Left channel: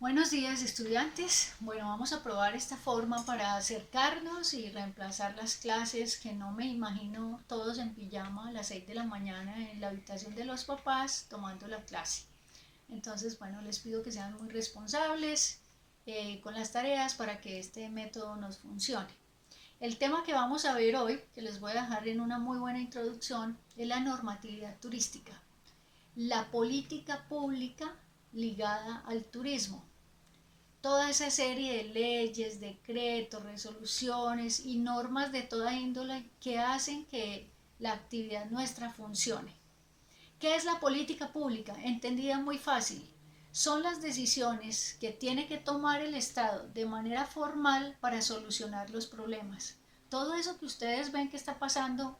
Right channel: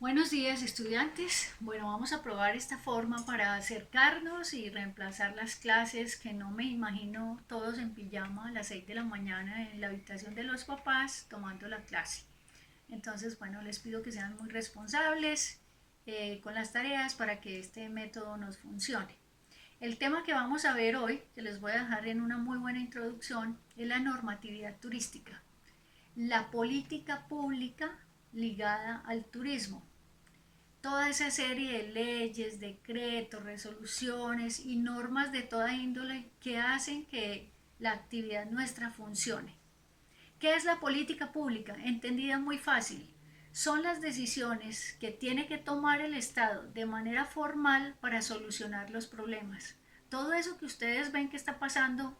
Buenos días, estudiantes. Bueno, vamos a probar esta forma para acercarnos y reemplazar las clases que no me imagino todos en pijama a las 6 de la mañana en la habitación de los papás tomando la clase. Entonces, bueno, les pido que sean muy responsables con las tareas para que este método nos funcione. El tema que vamos a ver hoy, que les voy a dejar en una muy buena introducción, es la normatividad turística, la política pública ligada al turismo. Toda esa serie de leyes, decretos, resoluciones y normas de toda índole que hacen que la actividad nuestra funcione. ¿Qué es la política pública? Entendida muy fácil. Son las decisiones que tiene que tomar el Estado de manera formal para solucionar los problemas. Todo eso que ustedes ven que está pasando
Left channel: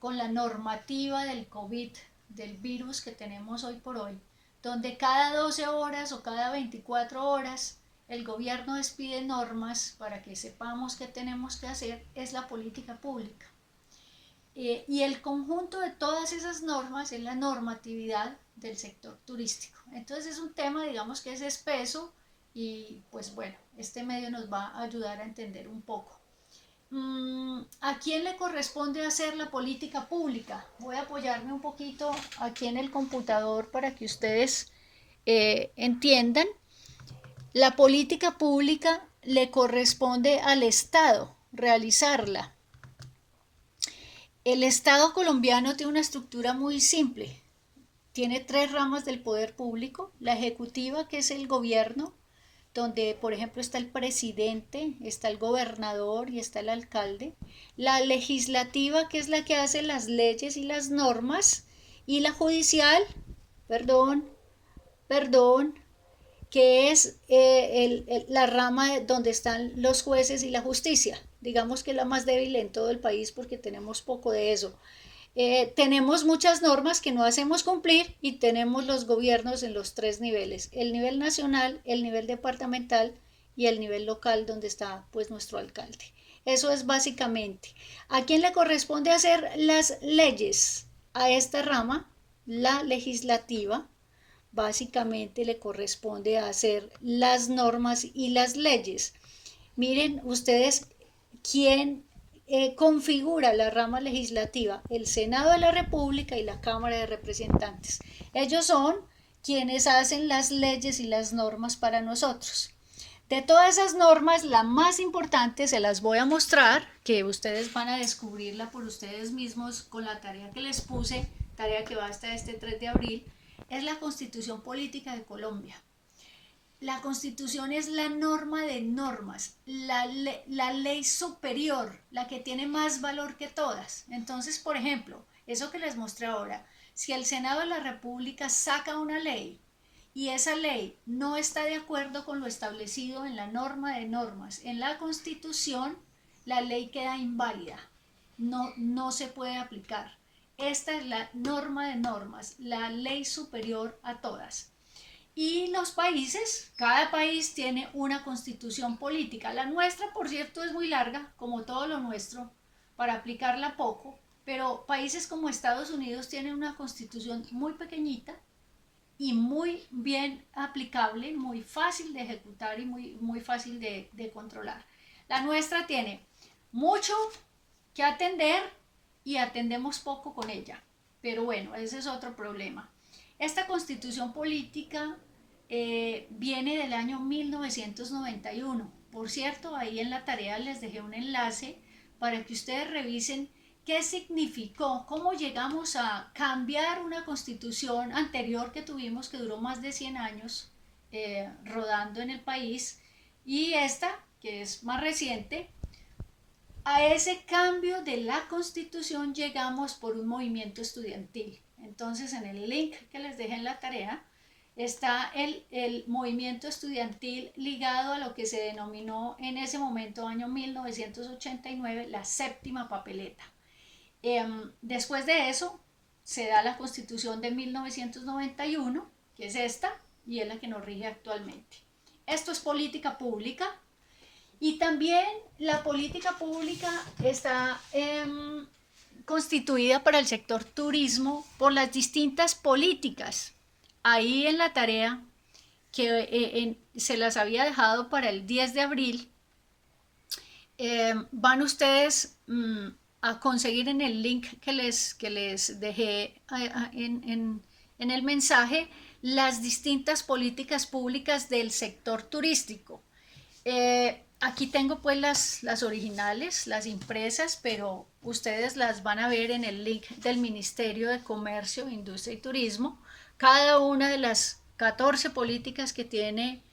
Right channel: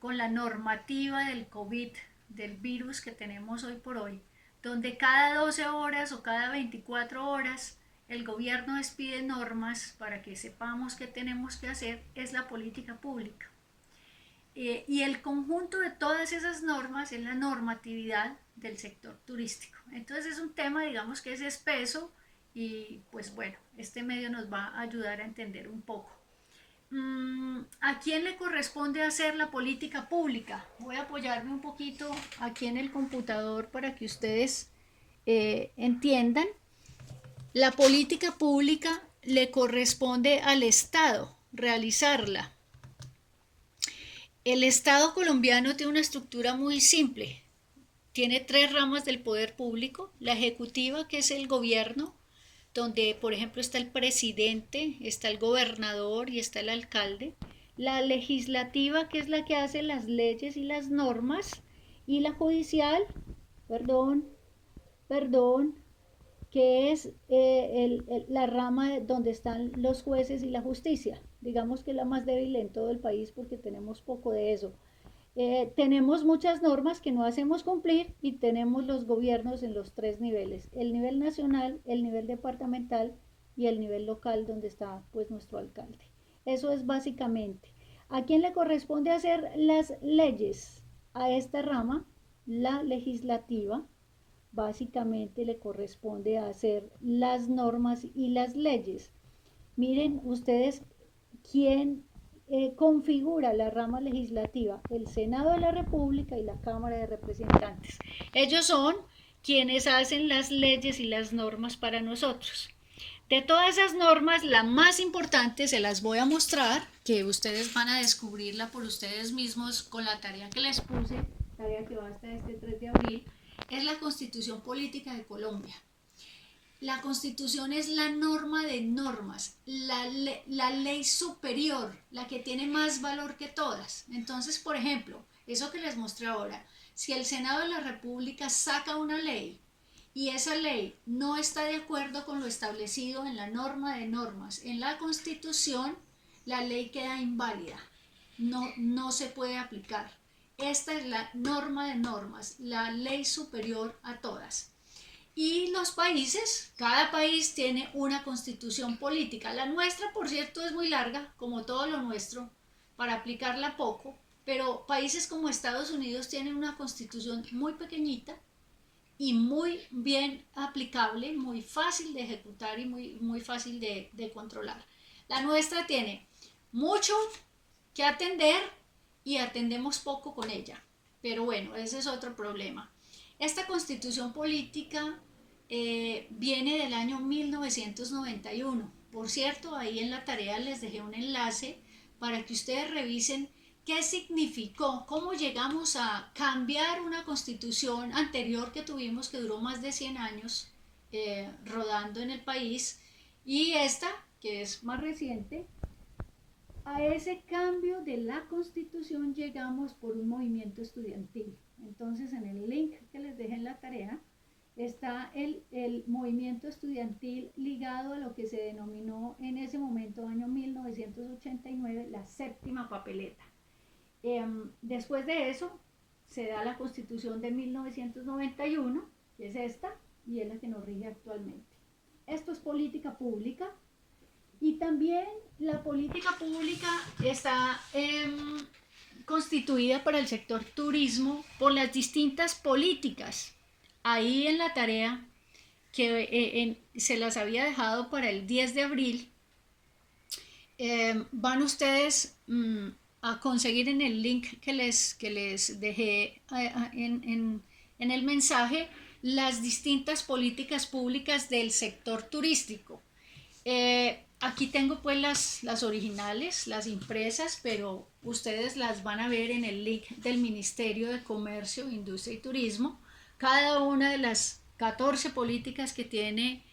con la normativa del COVID, del virus que tenemos hoy por hoy, donde cada 12 horas o cada 24 horas el gobierno despide normas para que sepamos qué tenemos que hacer, es la política pública. Y el conjunto de todas esas normas es la normatividad del sector turístico. Entonces es un tema, digamos, que es espeso y pues bueno, este medio nos va a ayudar a entender un poco. ¿A quién le corresponde hacer la política pública? Voy a apoyarme un poquito aquí en el computador para que ustedes entiendan. La política pública le corresponde al Estado realizarla. El Estado colombiano tiene una estructura muy simple. Tiene tres ramas del poder público. La ejecutiva, que es el gobierno, donde por ejemplo está el presidente, está el gobernador y está el alcalde. La legislativa, que es la que hace las leyes y las normas. Y la judicial, perdón, perdón, que es la rama donde están los jueces y la justicia. Digamos que es la más débil en todo el país porque tenemos poco de eso. Tenemos muchas normas que no hacemos cumplir y tenemos los gobiernos en los tres niveles, el nivel nacional, el nivel departamental y el nivel local donde está pues nuestro alcalde. Eso es básicamente. ¿A quién le corresponde hacer las leyes? A esta rama, la legislativa, básicamente le corresponde hacer las normas y las leyes. Miren ustedes quién configura la rama legislativa, el Senado de la República y la Cámara de Representantes. Ellos son quienes hacen las leyes y las normas para nosotros. De todas esas normas, la más importante se las voy a mostrar, que ustedes van a descubrirla por ustedes mismos con la tarea que les puse, tarea que va hasta este 3 de abril, es la Constitución Política de Colombia. La Constitución es la norma de normas, la ley superior, la que tiene más valor que todas. Entonces, por ejemplo, eso que les mostré ahora, si el Senado de la República saca una ley y esa ley no está de acuerdo con lo establecido en la norma de normas, en la Constitución, la ley queda inválida, no se puede aplicar. Esta es la norma de normas, la ley superior a todas. Y los países, cada país tiene una constitución política. La nuestra, por cierto, es muy larga, como todo lo nuestro, para aplicarla poco, pero países como Estados Unidos tienen una constitución muy pequeñita y muy bien aplicable, muy fácil de ejecutar y muy fácil de controlar. La nuestra tiene mucho que atender y atendemos poco con ella. Pero bueno, ese es otro problema. Esta constitución política viene del año 1991. Por cierto, ahí en la tarea les dejé un enlace para que ustedes revisen qué significó, cómo llegamos a cambiar una constitución anterior que tuvimos que duró más de 100 años rodando en el país y esta, que es más reciente. A ese cambio de la constitución llegamos por un movimiento estudiantil. Entonces en el link que les dejé en la tarea está el movimiento estudiantil ligado a lo que se denominó en ese momento, año 1989, la séptima papeleta. Después de eso se da la constitución de 1991, que es esta, y es la que nos rige actualmente. Esto es política pública. Y también la política pública está constituida para el sector turismo por las distintas políticas. Ahí en la tarea que se las había dejado para el 10 de abril. Van ustedes a conseguir en el link que les dejé en el mensaje las distintas políticas públicas del sector turístico. Aquí tengo pues las originales, las impresas, pero ustedes las van a ver en el link del Ministerio de Comercio, Industria y Turismo. Cada una de las 14 políticas que tiene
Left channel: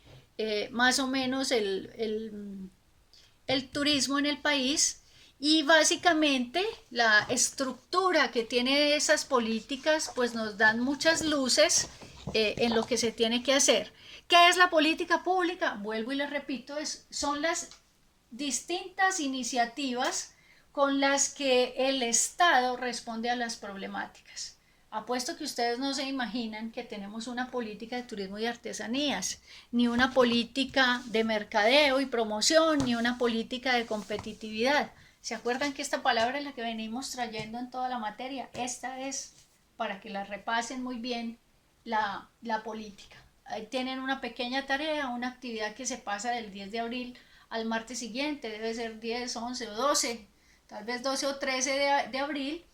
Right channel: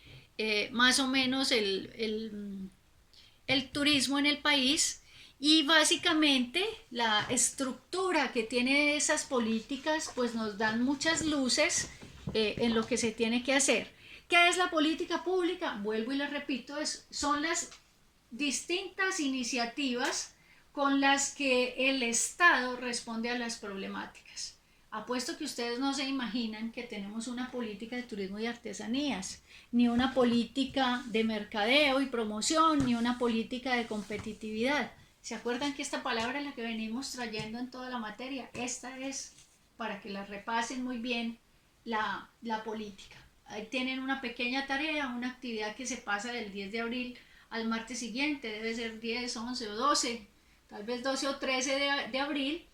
más o menos el turismo en el país, y básicamente la estructura que tiene esas políticas pues nos dan muchas luces en lo que se tiene que hacer. ¿Qué es la política pública? Vuelvo y les repito, son las distintas iniciativas con las que el Estado responde a las problemáticas. Apuesto que ustedes no se imaginan que tenemos una política de turismo y artesanías, ni una política de mercadeo y promoción, ni una política de competitividad. ¿Se acuerdan que esta palabra es la que venimos trayendo en toda la materia? Esta es para que la repasen muy bien la política. Ahí tienen una pequeña tarea, una actividad que se pasa del 10 de abril al martes siguiente, debe ser 10, 11 o 12, tal vez 12 o 13 de abril,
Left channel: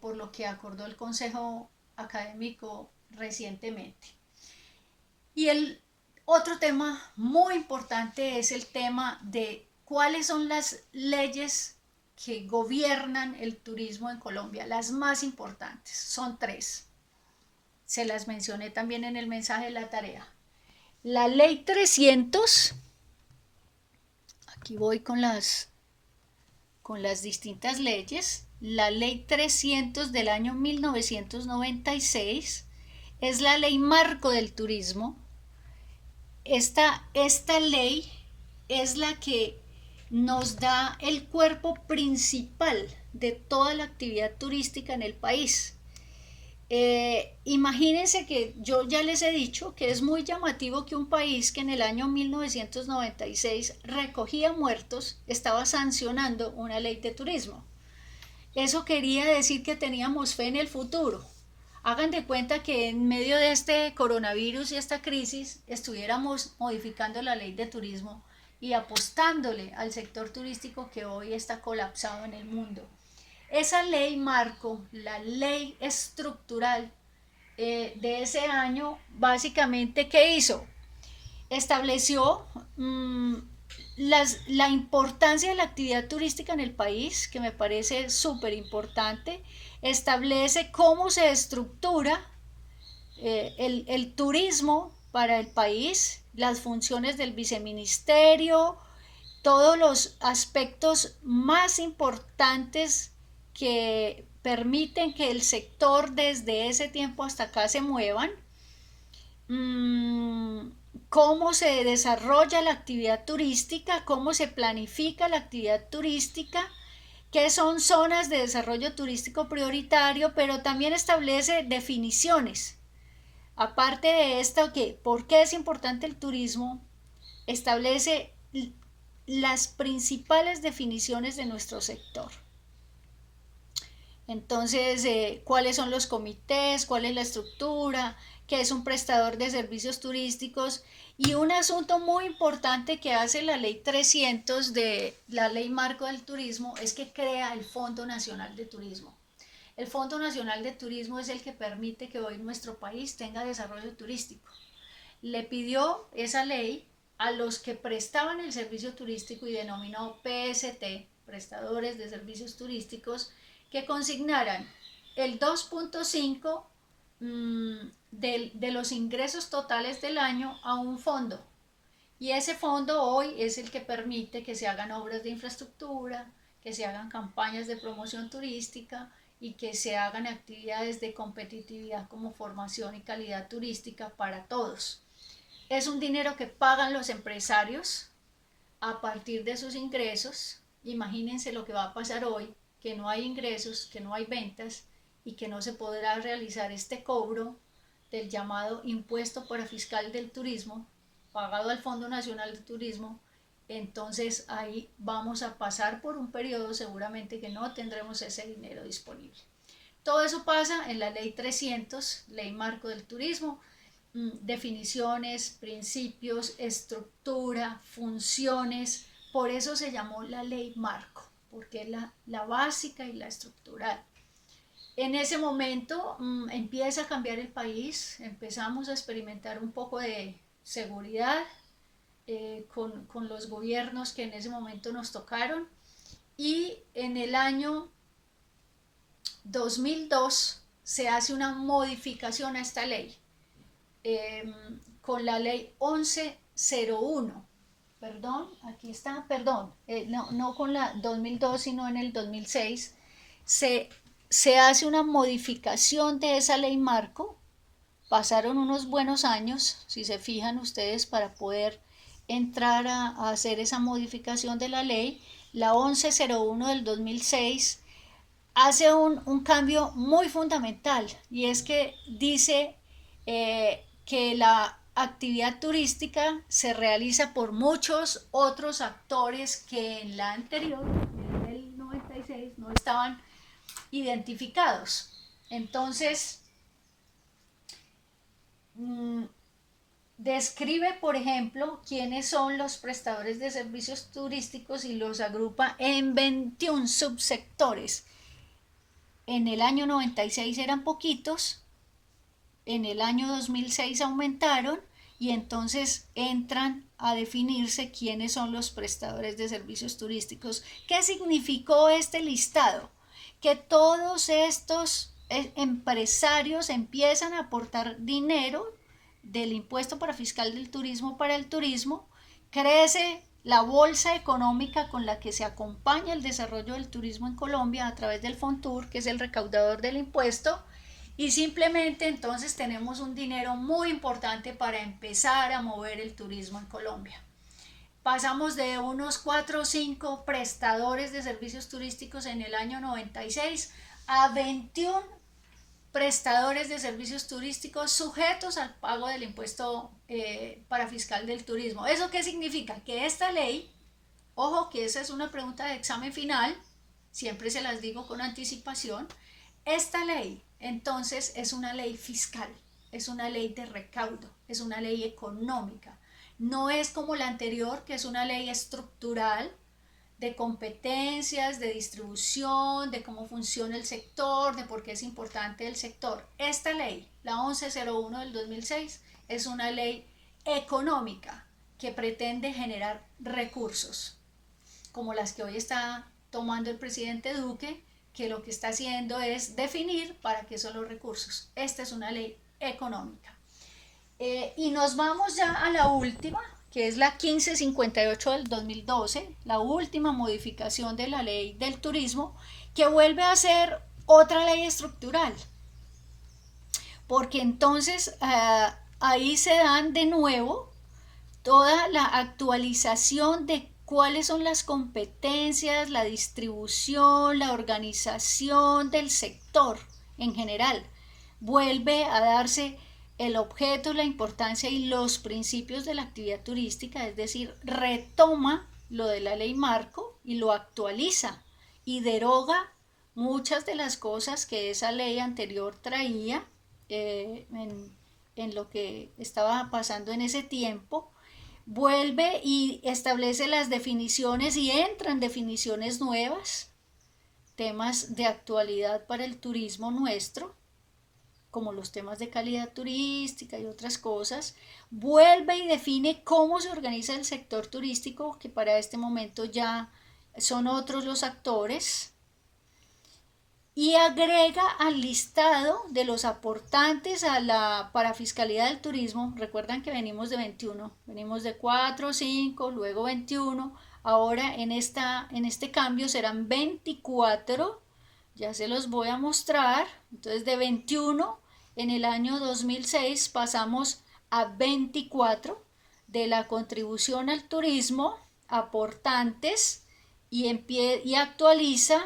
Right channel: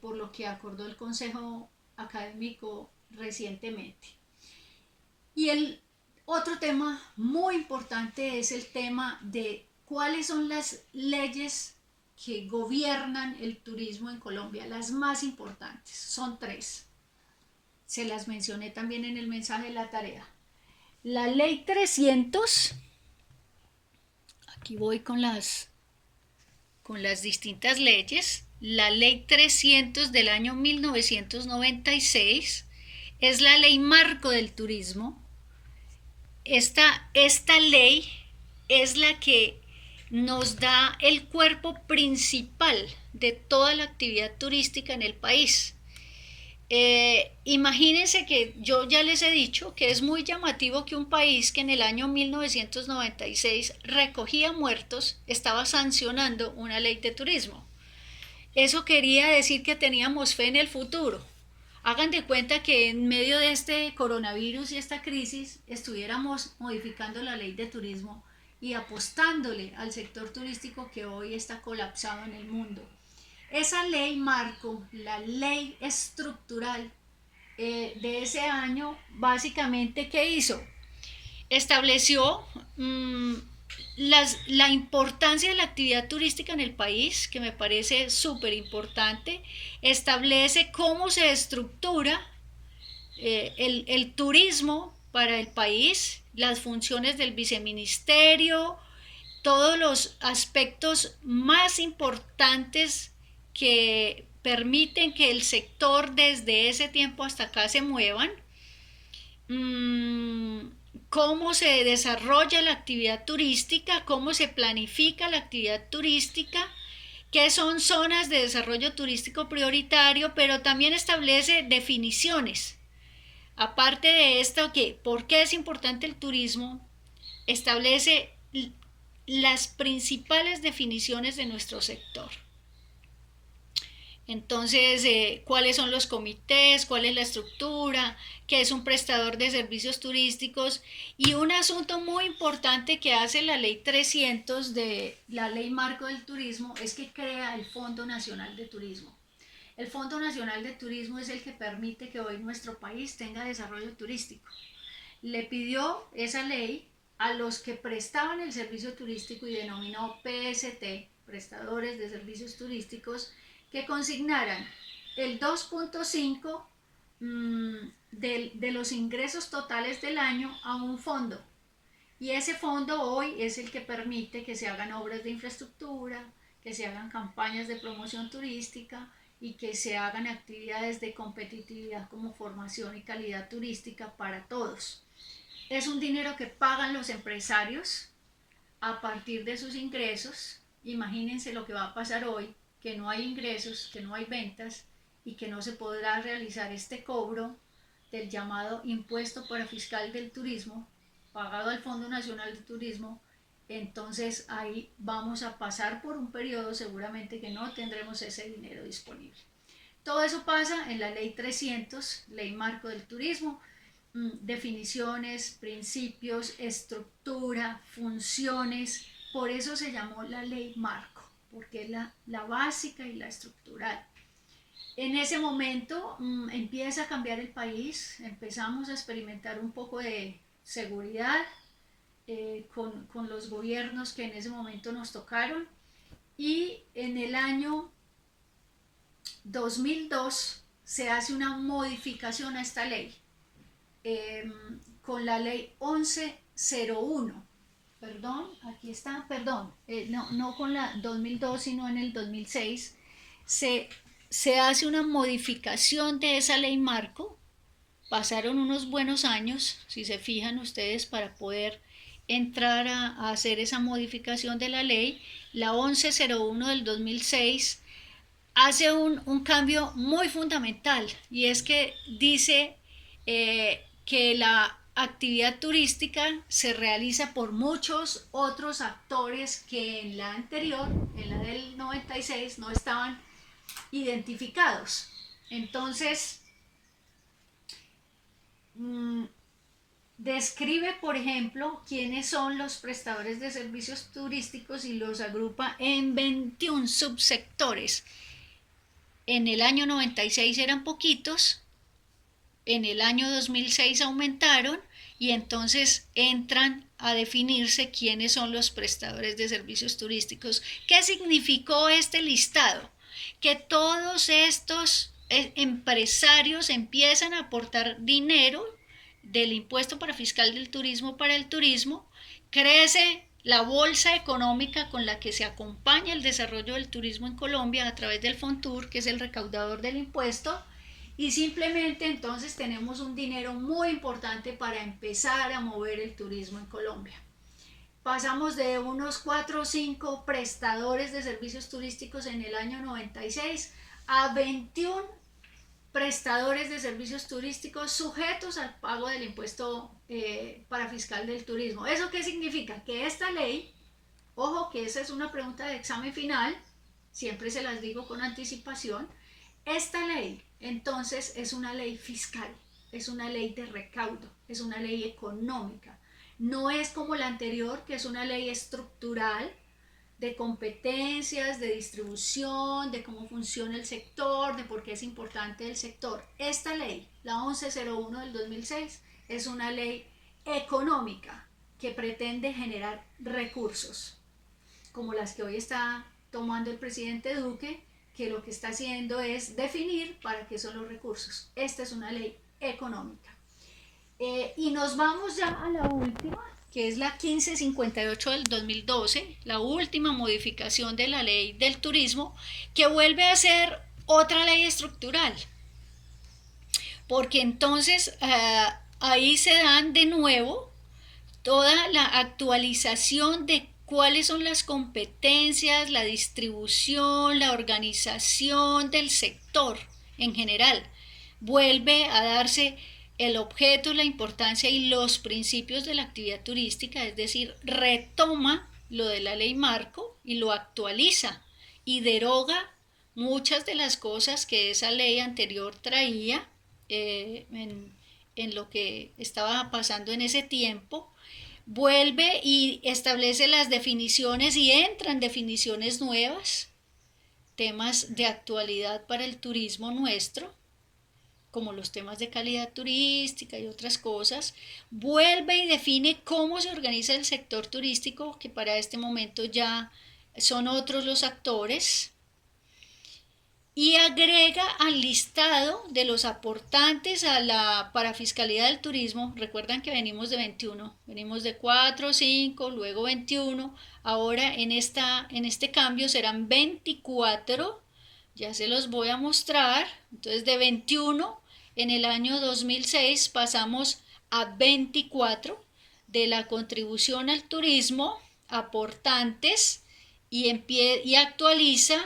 por lo que acordó el Consejo Académico recientemente. Y el otro tema muy importante es el tema de cuáles son las leyes que gobiernan el turismo en Colombia. Las más importantes son tres. Se las mencioné también en el mensaje de la tarea. La ley 300, aquí voy con las distintas leyes. La ley 300 del año 1996 es la ley marco del turismo. Esta ley es la que nos da el cuerpo principal de toda la actividad turística en el país. Imagínense que yo ya les he dicho que es muy llamativo que un país que en el año 1996 recogía muertos estaba sancionando una ley de turismo. Eso quería decir que teníamos fe en el futuro. Hagan de cuenta que en medio de este coronavirus y esta crisis estuviéramos modificando la ley de turismo y apostándole al sector turístico que hoy está colapsado en el mundo. Esa ley marco, la ley estructural de ese año, básicamente, ¿qué hizo? Estableció la importancia de la actividad turística en el país, que me parece súper importante. Establece cómo se estructura el turismo para el país, las funciones del viceministerio, todos los aspectos más importantes que permiten que el sector desde ese tiempo hasta acá se muevan. Cómo se desarrolla la actividad turística, cómo se planifica la actividad turística, qué son zonas de desarrollo turístico prioritario, pero también establece definiciones. Aparte de esto, ¿por qué es importante el turismo? Establece las principales definiciones de nuestro sector. Entonces, ¿cuáles son los comités? ¿Cuál es la estructura? ¿Qué es un prestador de servicios turísticos? Y un asunto muy importante que hace la ley 300 de la ley marco del turismo es que crea el Fondo Nacional de Turismo. El Fondo Nacional de Turismo es el que permite que hoy nuestro país tenga desarrollo turístico. Le pidió esa ley a los que prestaban el servicio turístico y denominó PST, prestadores de servicios turísticos, que consignaran el 2.5 de los ingresos totales del año a un fondo. Y ese fondo hoy es el que permite que se hagan obras de infraestructura, que se hagan campañas de promoción turística y que se hagan actividades de competitividad como formación y calidad turística para todos. Es un dinero que pagan los empresarios a partir de sus ingresos. Imagínense lo que va a pasar hoy, que no hay ingresos, que no hay ventas y que no se podrá realizar este cobro del llamado impuesto parafiscal del turismo pagado al Fondo Nacional de Turismo. Entonces ahí vamos a pasar por un periodo seguramente que no tendremos ese dinero disponible. Todo eso pasa en la ley 300, ley marco del turismo. definiciones, principios, estructura, funciones. Por eso se llamó la ley marco, porque es la básica y la estructural. En ese momento empieza a cambiar el país, empezamos a experimentar un poco de seguridad con los gobiernos que en ese momento nos tocaron, y en el año 2002 se hace una modificación a esta ley con la ley 1101. Perdón, aquí está, perdón, no con la 2002 sino en el 2006 se hace una modificación de esa ley marco. Pasaron unos buenos años, si se fijan ustedes, para poder entrar a hacer esa modificación de la ley. La 1101 del 2006 hace un cambio muy fundamental, y es que dice que la actividad turística se realiza por muchos otros actores que en la anterior, en la del 96, no estaban identificados. Entonces, describe, por ejemplo, quiénes son los prestadores de servicios turísticos y los agrupa en 21 subsectores. En el año 96 eran poquitos, en el año 2006 aumentaron, y entonces entran a definirse quiénes son los prestadores de servicios turísticos. ¿Qué significó este listado? Que todos estos empresarios empiezan a aportar dinero del impuesto para fiscal del turismo para el turismo, crece la bolsa económica con la que se acompaña el desarrollo del turismo en Colombia a través del Fontur, que es el recaudador del impuesto, y simplemente entonces tenemos un dinero muy importante para empezar a mover el turismo en Colombia. Pasamos de unos 4 o 5 prestadores de servicios turísticos en el año 96 a 21 prestadores de servicios turísticos sujetos al pago del impuesto para fiscal del turismo. ¿Eso qué significa? Que esta ley, ojo que esa es una pregunta de examen final, siempre se las digo con anticipación, esta ley entonces es una ley fiscal, es una ley de recaudo, es una ley económica. No es como la anterior, que es una ley estructural de competencias, de distribución, de cómo funciona el sector, de por qué es importante el sector. Esta ley, la 1101 del 2006, es una ley económica que pretende generar recursos, como las que hoy está tomando el presidente Duque, que lo que está haciendo es definir para qué son los recursos. Esta es una ley económica. Y nos vamos ya a la última, que es la 1558 del 2012, la última modificación de la ley del turismo, que vuelve a ser otra ley estructural, porque entonces ahí se dan de nuevo toda la actualización de cuáles son las competencias, la distribución, la organización del sector en general. Vuelve a darse el objeto, la importancia y los principios de la actividad turística, es decir, retoma lo de la ley marco y lo actualiza y deroga muchas de las cosas que esa ley anterior traía en lo que estaba pasando en ese tiempo. Vuelve y establece las definiciones y entran definiciones nuevas, temas de actualidad para el turismo nuestro, como los temas de calidad turística y otras cosas. Vuelve y define cómo se organiza el sector turístico, que para este momento ya son otros los actores, y agrega al listado de los aportantes a la parafiscalidad del turismo. Recuerdan que venimos de 21, venimos de 4, 5, luego 21, ahora en este cambio serán 24, ya se los voy a mostrar. Entonces de 21 en el año 2006 pasamos a 24 de la contribución al turismo, aportantes, y actualiza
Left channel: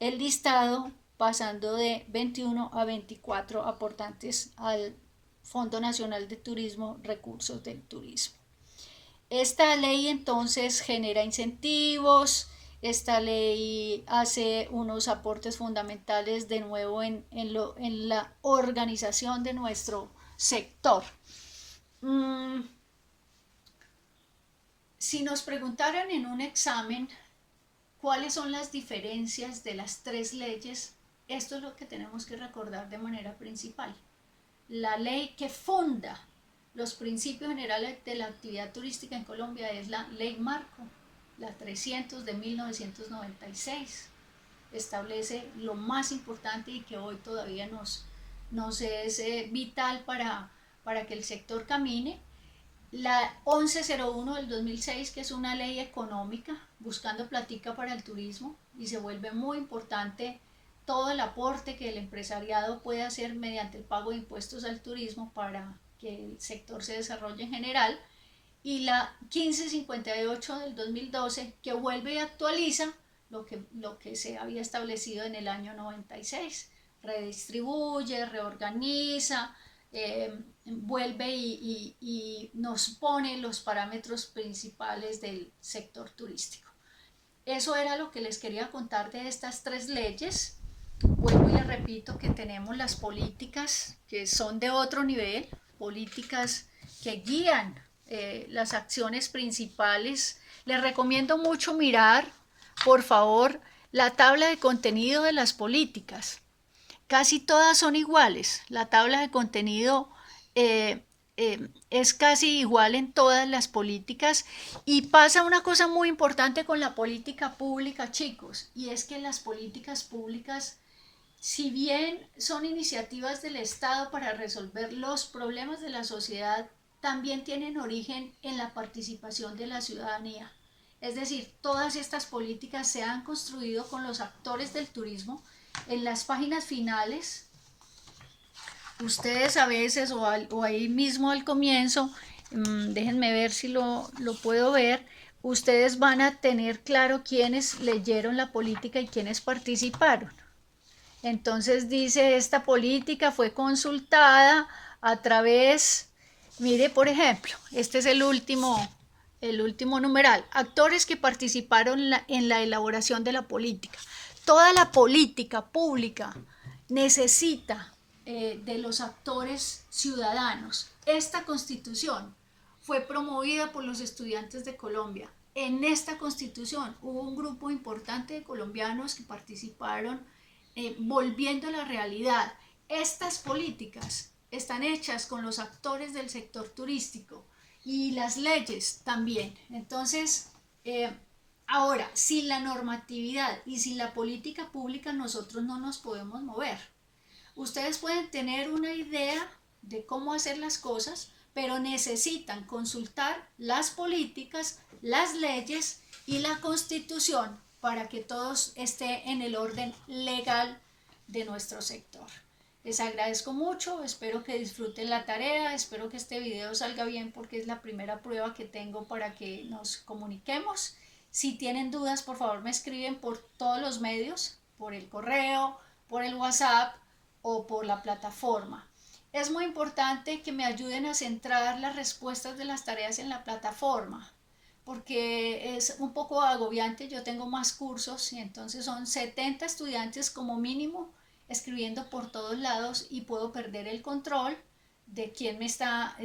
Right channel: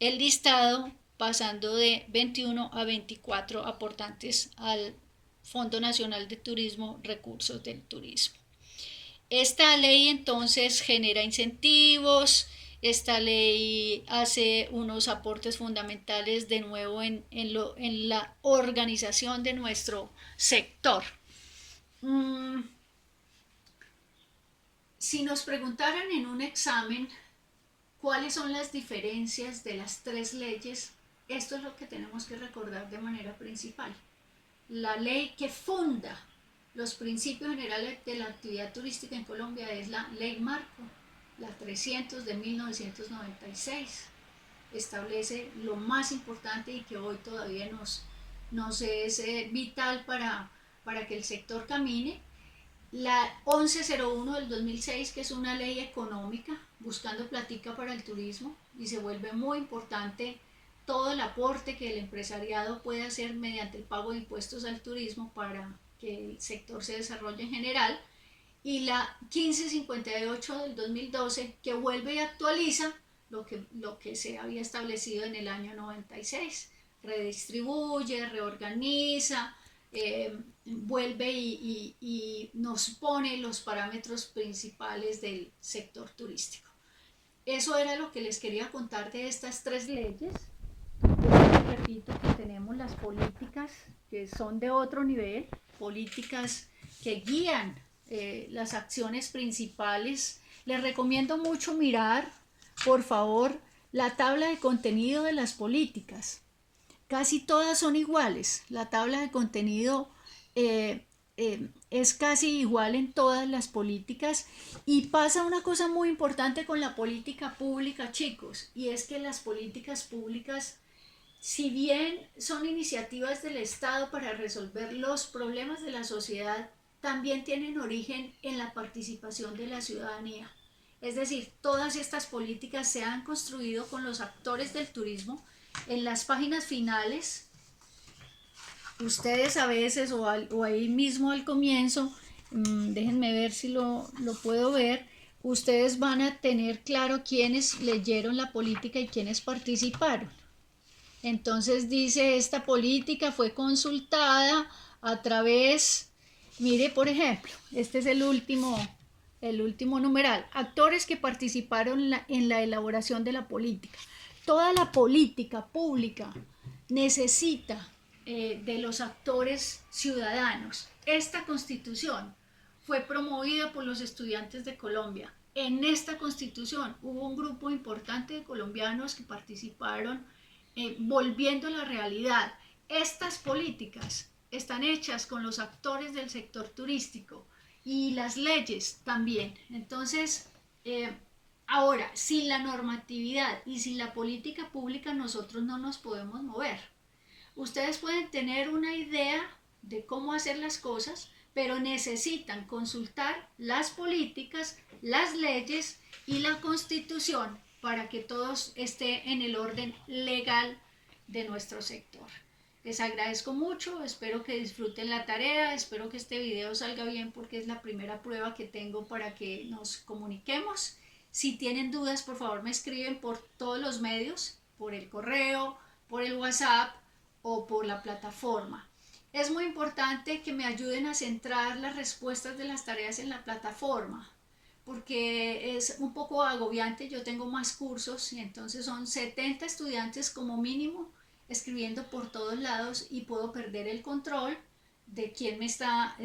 el listado pasando de 21 a 24 aportantes al Fondo Nacional de Turismo, Recursos del Turismo. Esta ley entonces genera incentivos, Esta ley hace unos aportes fundamentales de nuevo en la organización de nuestro sector. Si nos preguntaran en un examen cuáles son las diferencias de las tres leyes, esto es lo que tenemos que recordar de manera principal. La ley que funda los principios generales de la actividad turística en Colombia es la Ley Marco, la 300 de 1996. Establece lo más importante y que hoy todavía nos es vital para que el sector camine. La 1101 del 2006, que es una ley económica, buscando platica para el turismo, y se vuelve muy importante todo el aporte que el empresariado puede hacer mediante el pago de impuestos al turismo para que el sector se desarrolle en general. Y la 1558 del 2012, que vuelve y actualiza lo que se había establecido en el año 96. Redistribuye, reorganiza, vuelve y nos pone los parámetros principales del sector turístico. Eso era lo que les quería contar de estas tres leyes. Bueno, les repito que tenemos las políticas que son de otro nivel, políticas que guían las acciones principales. Les recomiendo mucho mirar, por favor, la tabla de contenido de las políticas. Casi todas son iguales. La tabla de contenido es casi igual en todas las políticas, y pasa una cosa muy importante con la política pública, chicos, y es que las políticas públicas, si bien son iniciativas del Estado para resolver los problemas de la sociedad, también tienen origen en la participación de la ciudadanía. Es decir, todas estas políticas se han construido con los actores del turismo. En las páginas finales, ustedes a veces o ahí mismo al comienzo, déjenme ver si lo puedo ver, ustedes van a tener claro quiénes leyeron la política y quiénes participaron. Entonces dice, esta política fue consultada a través, mire por ejemplo, este es el último numeral, actores que participaron en la elaboración de la política. Toda la política pública necesita de los actores ciudadanos. Esta constitución fue promovida por los estudiantes de Colombia. En esta constitución hubo un grupo importante de colombianos que participaron volviendo a la realidad. Estas políticas están hechas con los actores del sector turístico y las leyes también. Entonces, ahora, sin la normatividad y sin la política pública nosotros no nos podemos mover. Ustedes pueden tener una idea de cómo hacer las cosas, pero necesitan consultar las políticas, las leyes y la Constitución para que todo esté en el orden legal de nuestro sector. Les agradezco mucho, espero que disfruten la tarea, espero que este video salga bien porque es la primera prueba que tengo para que nos comuniquemos. Si tienen dudas, por favor me escriben por todos los medios, por el correo, por el WhatsApp o por la plataforma. Es muy importante que me ayuden a centrar las respuestas de las tareas en la plataforma, porque es un poco agobiante. Yo tengo más cursos y entonces son 70 estudiantes como mínimo escribiendo por todos lados y puedo perder el control de quién me está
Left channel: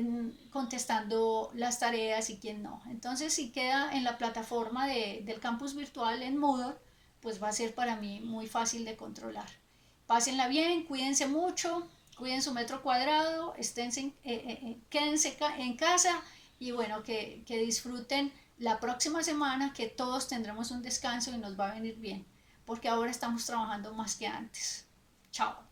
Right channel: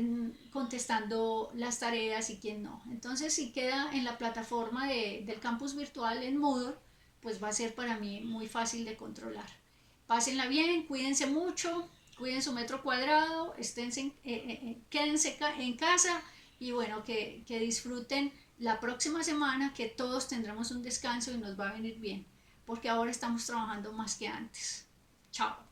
contestando las tareas y quién no. Entonces, si queda en la plataforma del campus virtual en Moodle, pues va a ser para mí muy fácil de controlar. Pásenla bien, cuídense mucho, cuiden su metro cuadrado, quédense en casa y bueno, que disfruten la próxima semana, que todos tendremos un descanso y nos va a venir bien, porque ahora estamos trabajando más que antes. Chao.